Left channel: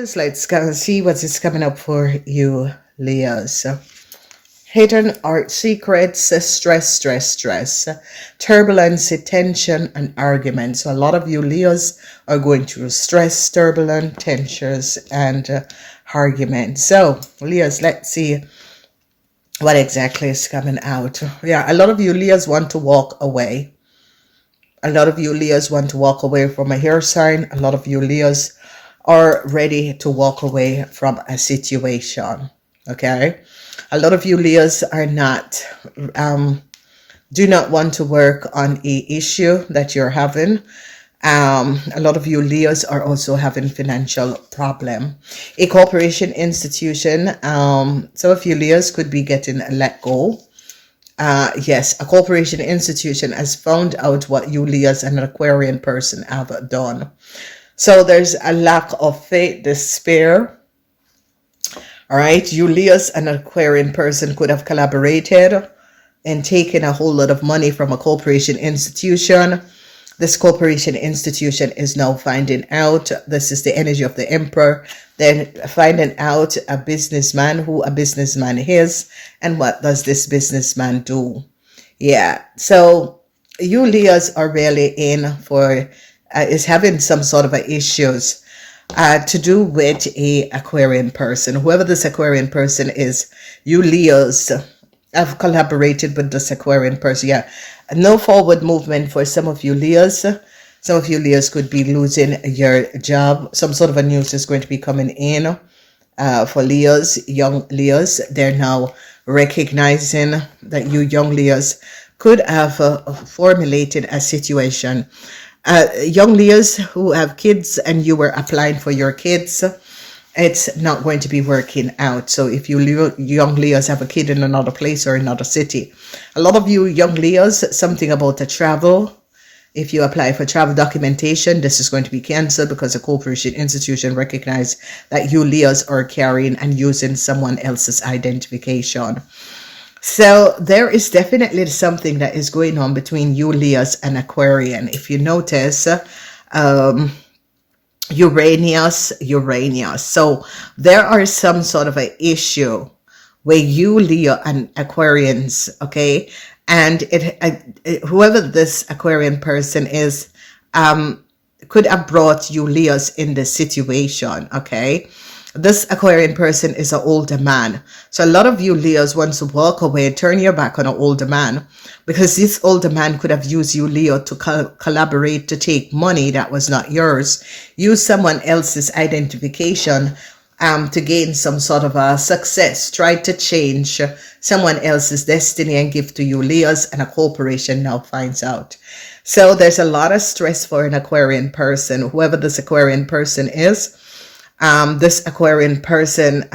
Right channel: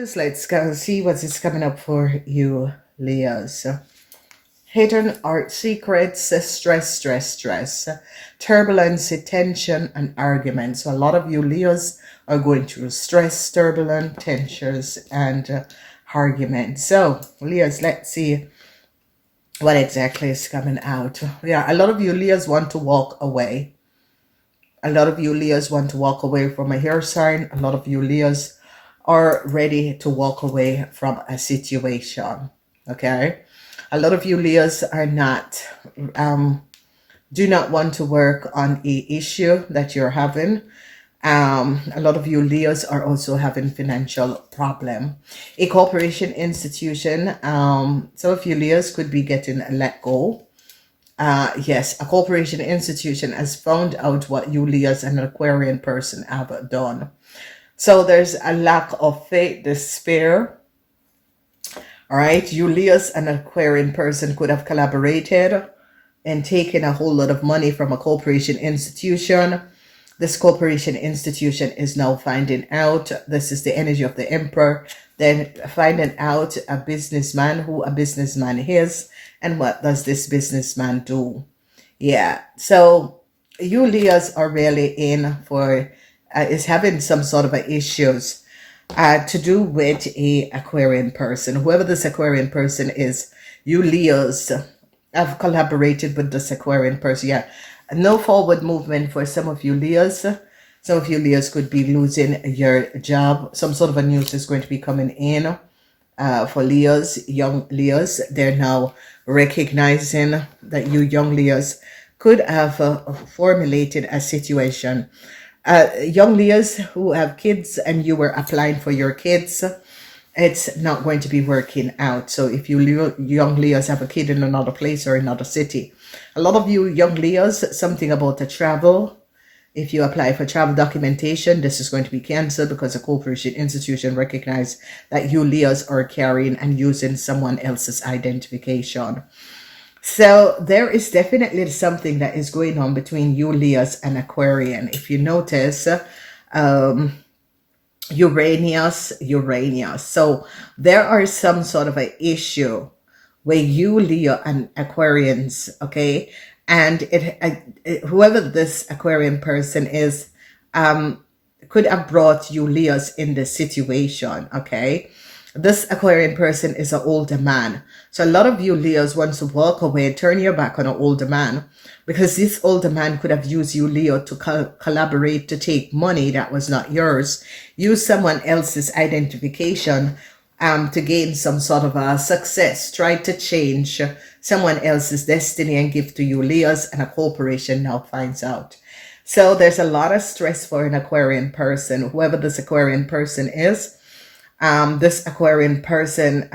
Leos, let's go see what is coming up for you, Leos. Hidden art secrets, stress, turbulence, tension, and arguments. So a lot of you Leos are going through stress, turbulence, tensions, and arguments. So Leos, let's see what exactly is coming out. Yeah, a lot of you Leos want to walk away. A lot of you Leos want to walk away from a air sign. A lot of you Leos are ready to walk away from a situation. Okay, a lot of you Leos are not do not want to work on a issue that you're having. A lot of you Leos are also having financial problem. A corporation, institution, some of you Leos could be getting let go. Yes, a corporation, institution has found out what you Leos and an Aquarian person have done. So there's a lack of faith, despair. All right, you Leos and an Aquarian person could have collaborated and taken a whole lot of money from a corporation institution. This corporation institution is now finding out, this is the energy of the Emperor, then finding out a businessman, who a businessman is, and what does this businessman do. Yeah, so you Leos are really in for, is having some sort of issues to do with a Aquarian person. Whoever this Aquarian person is, you Leos have collaborated with this Aquarian person. Yeah, no forward movement for some of you Leos. Some of you Leos could be losing your job. Some sort of a news is going to be coming in for Leos, young Leos. They're now recognizing that you young Leos could have formulated a situation. Young Leos who have kids and you were applying for your kids, it's not going to be working out. So if you young Leos have a kid in another place or another city, a lot of you young Leos, something about the travel. If you apply for travel documentation, this is going to be canceled because a corporation institution recognize that you Leos are carrying and using someone else's identification. So there is definitely something that is going on between you Leos and Aquarian. If you notice, Uranus. So there are some sort of an issue where you Leo and Aquarians, okay, and whoever this Aquarian person is, could have brought you Leos in this situation, okay. This Aquarian person is an older man. So a lot of you Leos want to walk away, turn your back on an older man, because this older man could have used you Leo to collaborate to take money that was not yours, use someone else's identification to gain some sort of a success, try to change someone else's destiny and give to you Leos, and a corporation now finds out. So there's a lot of stress for an Aquarian person, whoever this Aquarian person is. This Aquarian person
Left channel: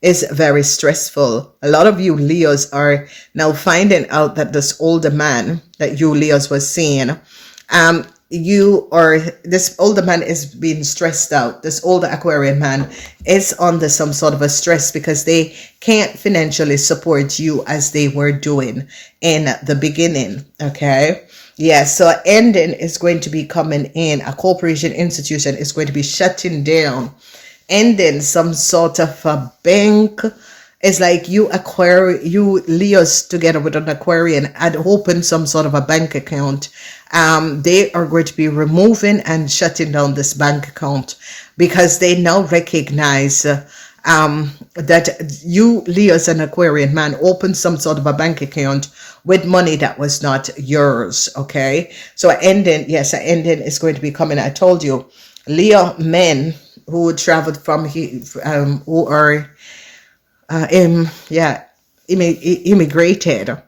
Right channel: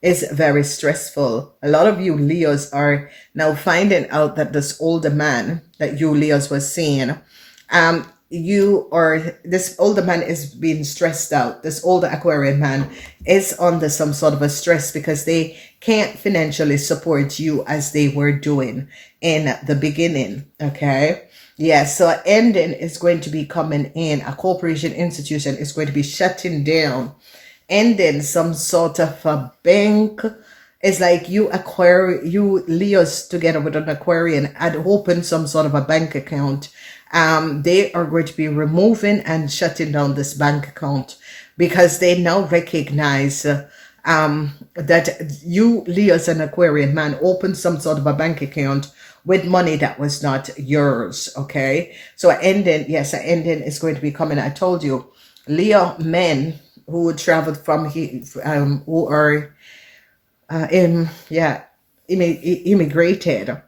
is very stressful. A lot of you Leos are now finding out that this older man that you Leos was seeing, this older man is being stressed out. This older Aquarian man is under some sort of a stress because they can't financially support you as they were doing in the beginning, okay? Yeah, so ending is going to be coming in. A corporation institution is going to be shutting down. Ending some sort of a bank. It's like you Leos together with an Aquarian had opened some sort of a bank account. They are going to be removing and shutting down this bank account because they now recognize that you Leos and Aquarian man opened some sort of a bank account with money that was not yours, okay? So ending is going to be coming. I told you, Leo men who traveled from who are immigrated,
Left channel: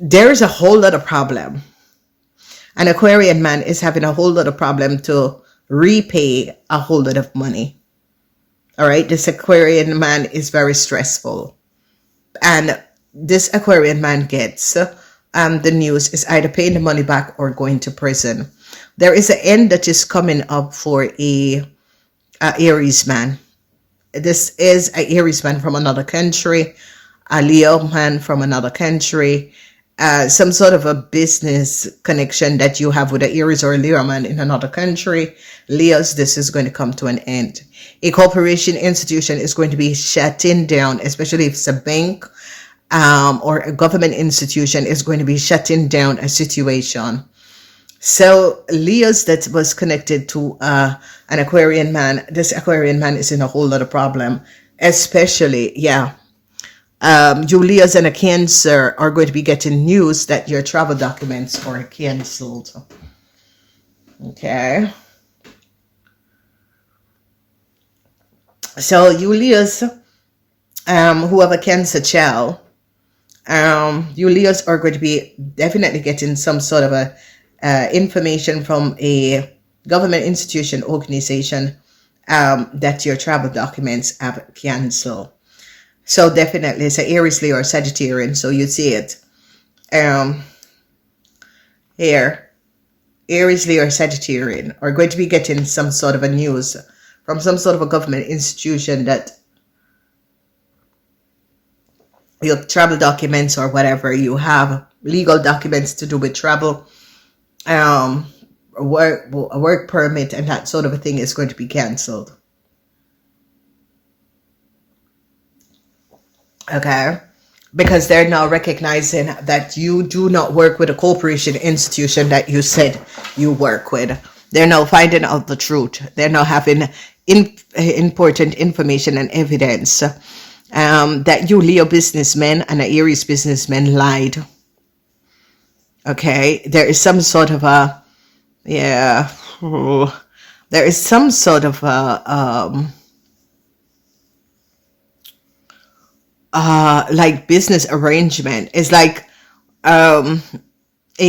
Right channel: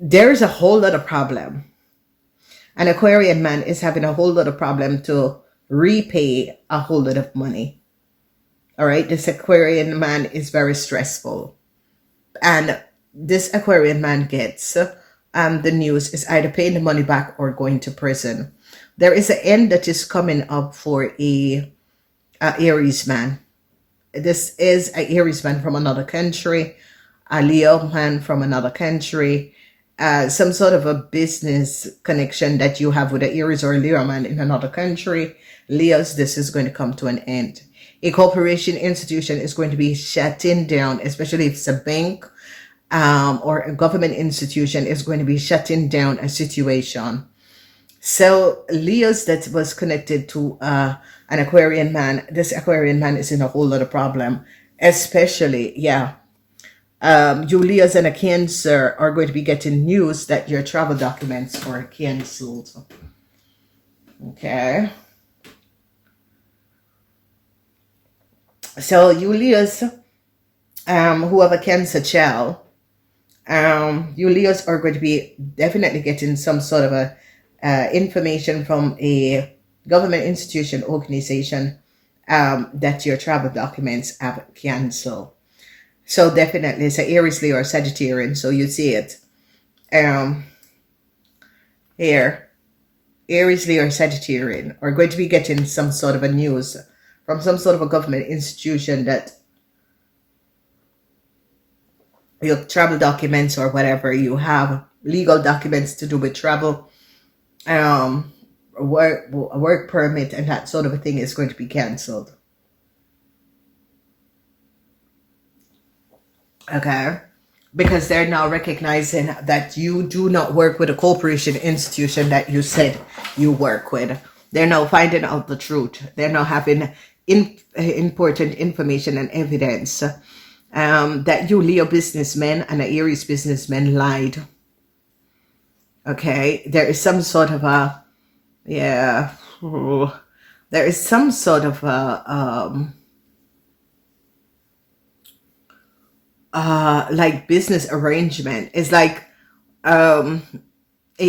there's a whole lot of problem. An Aquarian man is having a whole lot of problem to repay a whole lot of money. All right, this Aquarian man is very stressful, and this Aquarian man gets the news is either paying the money back or going to prison. There is an end that is coming up for a Aries man. This is an Aries man from another country, a Leo man from another country, some sort of a business connection that you have with an Aries or a Leo man in another country. Leos, this is going to come to an end. A corporation institution is going to be shutting down, especially if it's a bank or a government institution is going to be shutting down a situation. So Leos that was connected to an Aquarian man, this Aquarian man is in a whole lot of problem, especially, you Leos and a Cancer are going to be getting news that your travel documents are cancelled. Okay. So you Leos who have a Cancer child, you Leos are going to be definitely getting some sort of a information from a government institution, organization, that your travel documents have cancelled. So definitely it's an Aries, Leo, or Sagittarian. So you see it here. Aries, Leo, or Sagittarian are going to be getting some sort of a news from some sort of a government institution that your travel documents or whatever you have, legal documents to do with travel, work permit and that sort of a thing is going to be cancelled. Okay, because they're now recognizing that you do not work with a corporation institution that you said you work with. They're now finding out the truth. They're now having important information and evidence that you Leo businessmen and Aries businessmen lied. Okay, there is some sort of a, there is some sort of a, like business arrangement. It's like a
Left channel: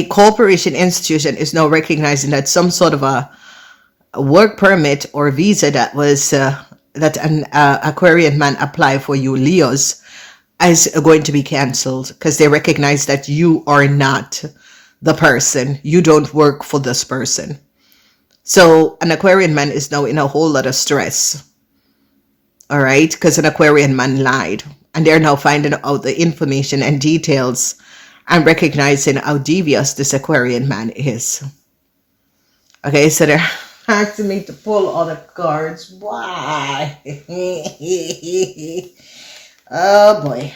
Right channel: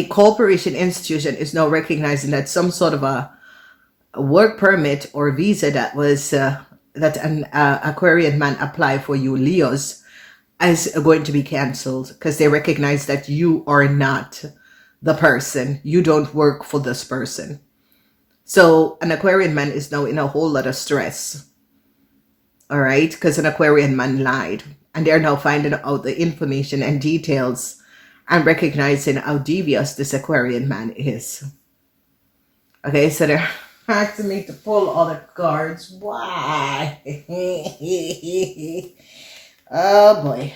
corporation institution is now recognizing that some sort of a work permit or visa that was that an Aquarian man applied for you Leos is going to be cancelled because they recognize that you are not the person. You don't work for this person. So an Aquarian man is now in a whole lot of stress. All right, because an Aquarian man lied. And they're now finding out the information and details and recognizing how devious this Aquarian man is. Okay, so they're asking me to pull all the cards. Why? Oh boy.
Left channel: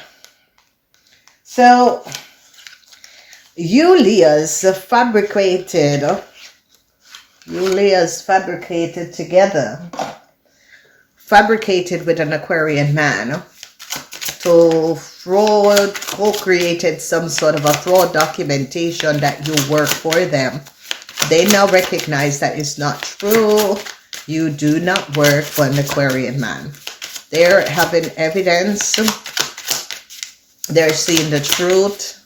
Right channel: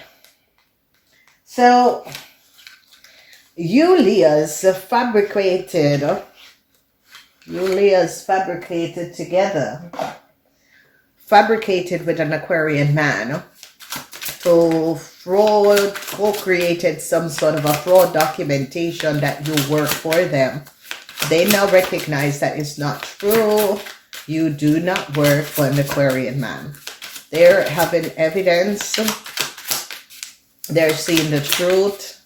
So, you Leos fabricated together, fabricated with an Aquarian man to fraud, co-created some sort of a fraud documentation that you work for them. They now recognize that it's not true. You do not work for an Aquarian man. They're having evidence. They're seeing the truth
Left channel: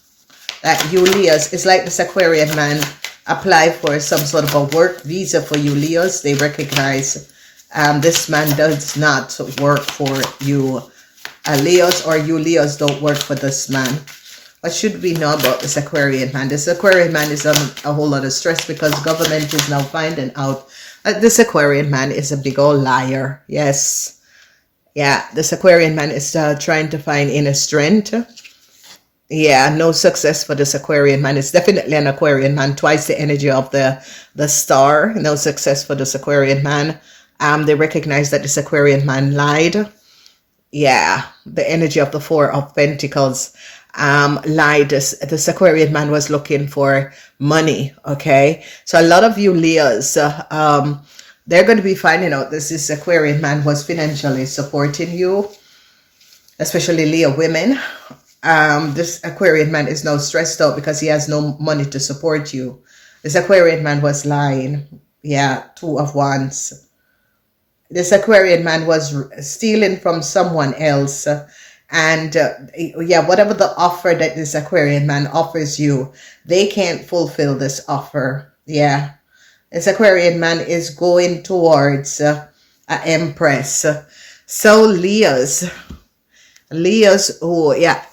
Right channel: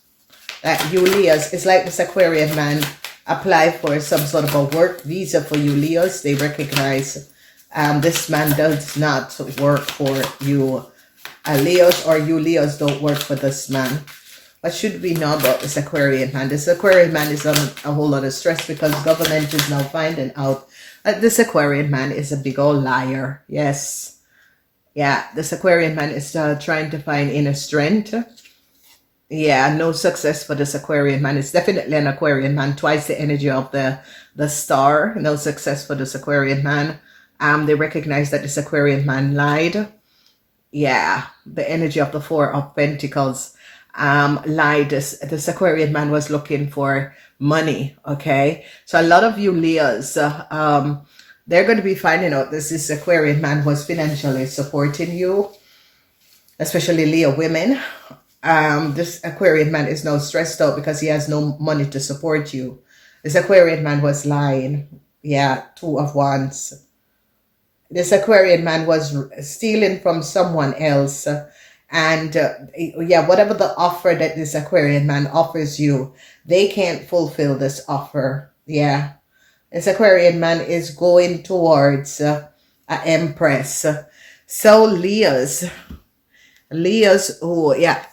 that you Leos, it's like this Aquarian man apply for some sort of a work visa for you Leos. They recognize this man does not work for you Leos, or you Leos don't work for this man. What should we know about this Aquarian man? This Aquarian man is under a whole lot of stress because government is now finding out that this Aquarian man is a big old liar. Yes. Yeah, this Aquarian man is trying to find inner strength. Yeah, no success for this Aquarian man. It's definitely an Aquarian man, twice the energy of the star. No success for this Aquarian man. They recognize that this Aquarian man lied. Yeah, the energy of the Four of Pentacles lied. This Aquarian man was looking for money. Okay, so a lot of you Leos, they're going to be finding out this Aquarian man was financially supporting you, especially Leo women. This Aquarian man is now stressed out because he has no money to support you. This Aquarian man was lying. Yeah, Two of Wands. This Aquarian man was stealing from someone else. And yeah, whatever the offer that this Aquarian man offers you, they can't fulfill this offer. Yeah. This Aquarian man is going towards an Empress. So Leos, oh yeah.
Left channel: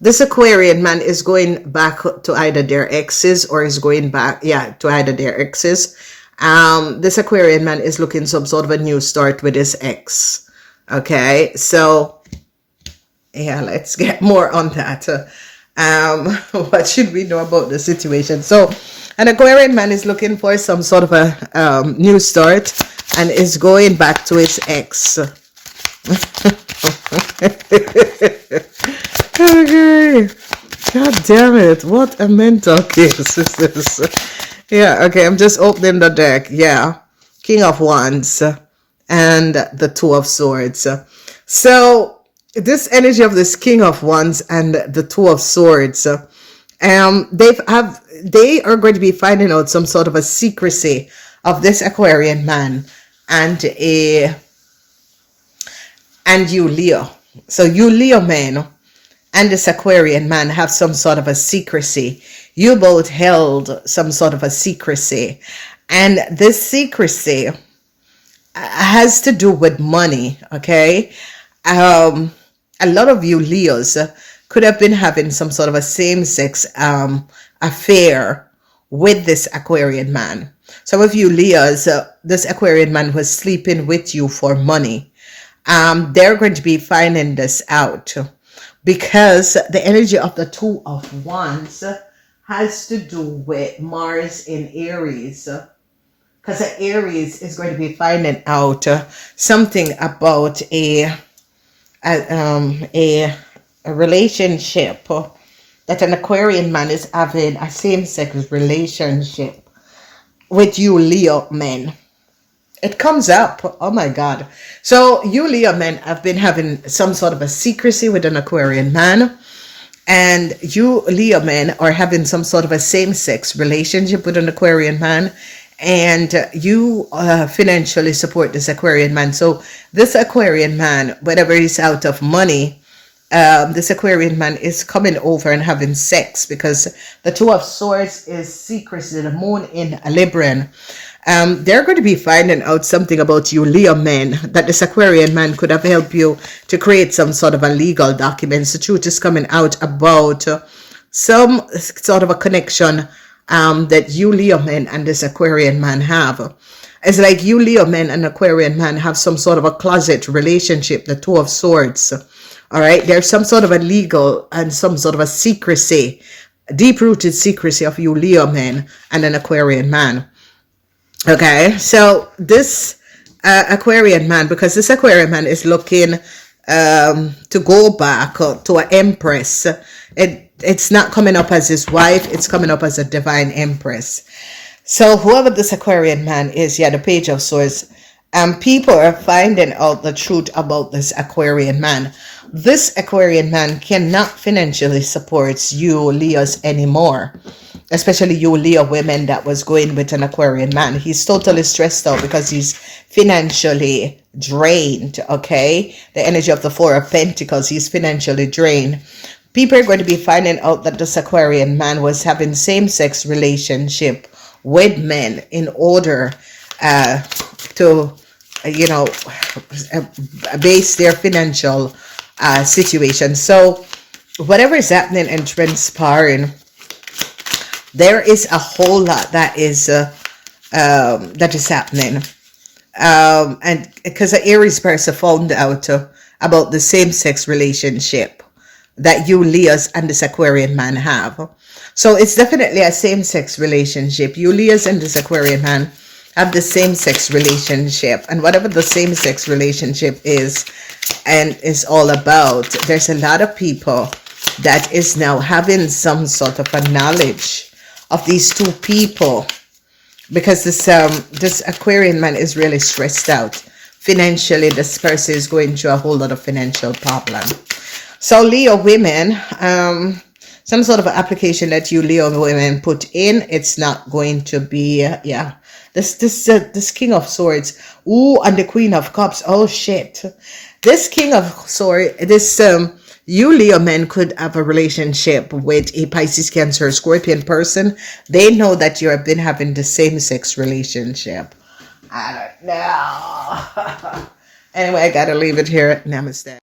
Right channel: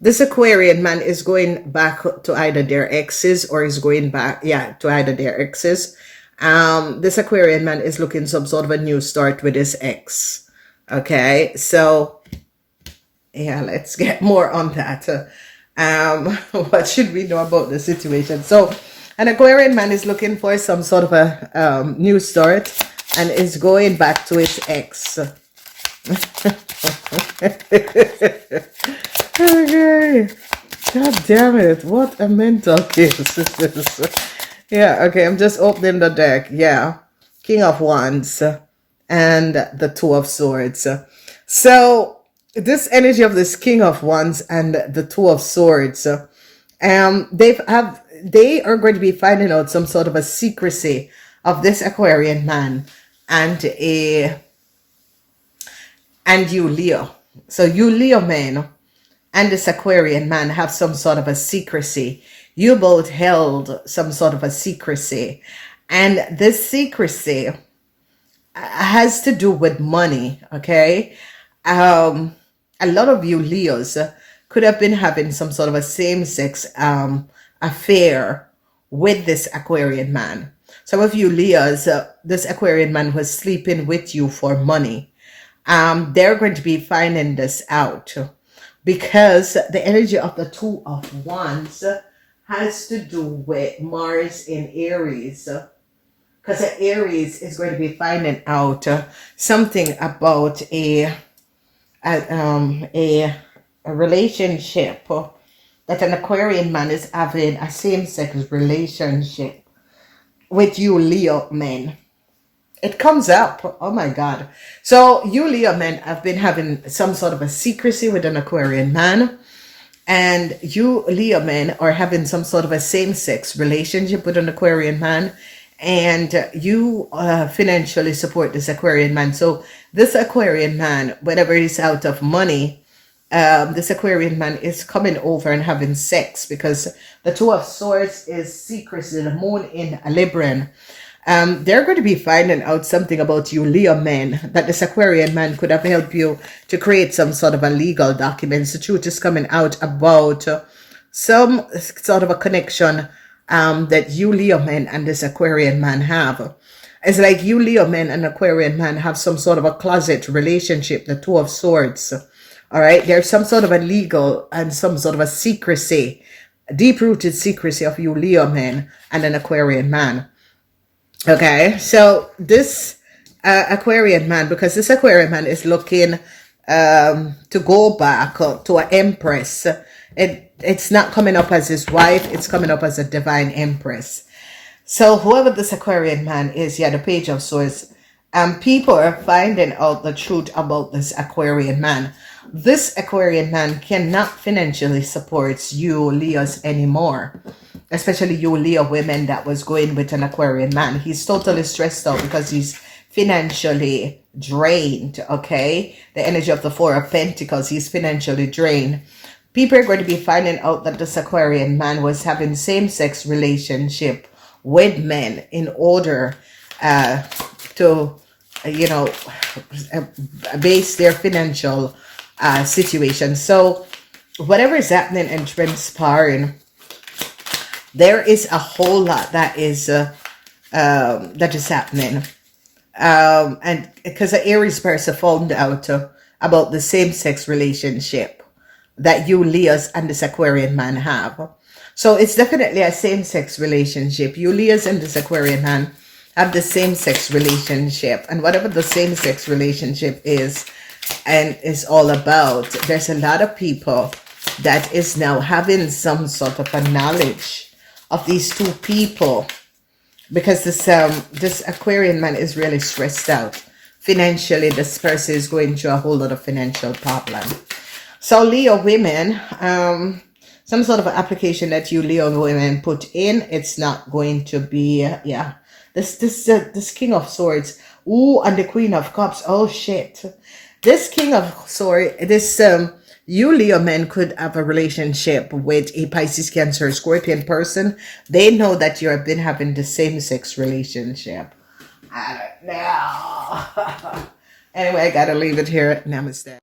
This Aquarian man is going back to either their exes or is going back, to either their exes. This Aquarian man is looking some sort of a new start with his ex. Okay, so yeah, let's get more on that. What should we know about the situation? So an Aquarian man is looking for some sort of a new start and is going back to his ex. Okay. God damn it. What a mental case is this? Yeah, okay, I'm just opening the deck. Yeah. King of Wands and the Two of Swords. So this energy of this King of Wands and the Two of Swords, they are going to be finding out some sort of a secrecy of this Aquarian man and you Leo. So you Leo men and this Aquarian man have some sort of a secrecy. You both held some sort of a secrecy, and this secrecy has to do with money. Okay. A lot of you Leos could have been having some sort of a same-sex affair with this Aquarian man. Some of you Leos, this Aquarian man was sleeping with you for money. They're going to be finding this out because the energy of the Two of Wands has to do with Mars in Aries. Because Aries is going to be finding out something about a relationship that an Aquarian man is having, a same-sex relationship with you Leo men. It comes up. Oh my God. So you Leo men have been having some sort of a secrecy with an Aquarian man, and you Leo men are having some sort of a same-sex relationship with an Aquarian man, and you financially support this Aquarian man. So this Aquarian man, whenever he's out of money, this Aquarian man is coming over and having sex, because the Two of Swords is secrecy, the moon in Libran. They're going to be finding out something about you Leo men, that this Aquarian man could have helped you to create some sort of a legal documents. The truth is coming out about some sort of a connection that you Leo men and this Aquarian man have. It's like you Leo men and Aquarian man have some sort of a closet relationship, the Two of Swords. All right, there's some sort of a legal and some sort of a secrecy, deep-rooted secrecy of you Leo men and an Aquarian man. Okay, so this Aquarian man, because this Aquarian man is looking to go back to an empress. It's not coming up as his wife, it's coming up as a divine empress. So whoever this Aquarian man is, yeah, the Page of Swords, people are finding out the truth about this Aquarian man. This Aquarian man cannot financially support you Leos anymore, especially you Leo women that was going with an Aquarian man. He's totally stressed out because he's financially drained. Okay, the energy of the Four of Pentacles, he's financially drained. People are going to be finding out that this Aquarian man was having same-sex relationship with men in order to, you know, base their financial situation. So whatever is happening and transpiring, there is a whole lot that is happening. And because the Aries person found out about the same-sex relationship that you Leos and this Aquarian man have. So it's definitely a same-sex relationship. You Leos and this Aquarian man have the same-sex relationship. And whatever the same-sex relationship is and is all about, there's a lot of people that is now having some sort of a knowledge of these two people, because this Aquarian man is really stressed out. Financially, this person is going through a whole lot of financial problem. So Leo women, some sort of application that you Leo women put in, it's not going to be, yeah. This King of Swords, ooh, and the Queen of Cups, oh shit. This King of Swords, this you Leo men could have a relationship with a Pisces, Cancer, Scorpion person. They know that you have been having the same-sex relationship. I don't know. Anyway, I gotta leave it here. Namaste.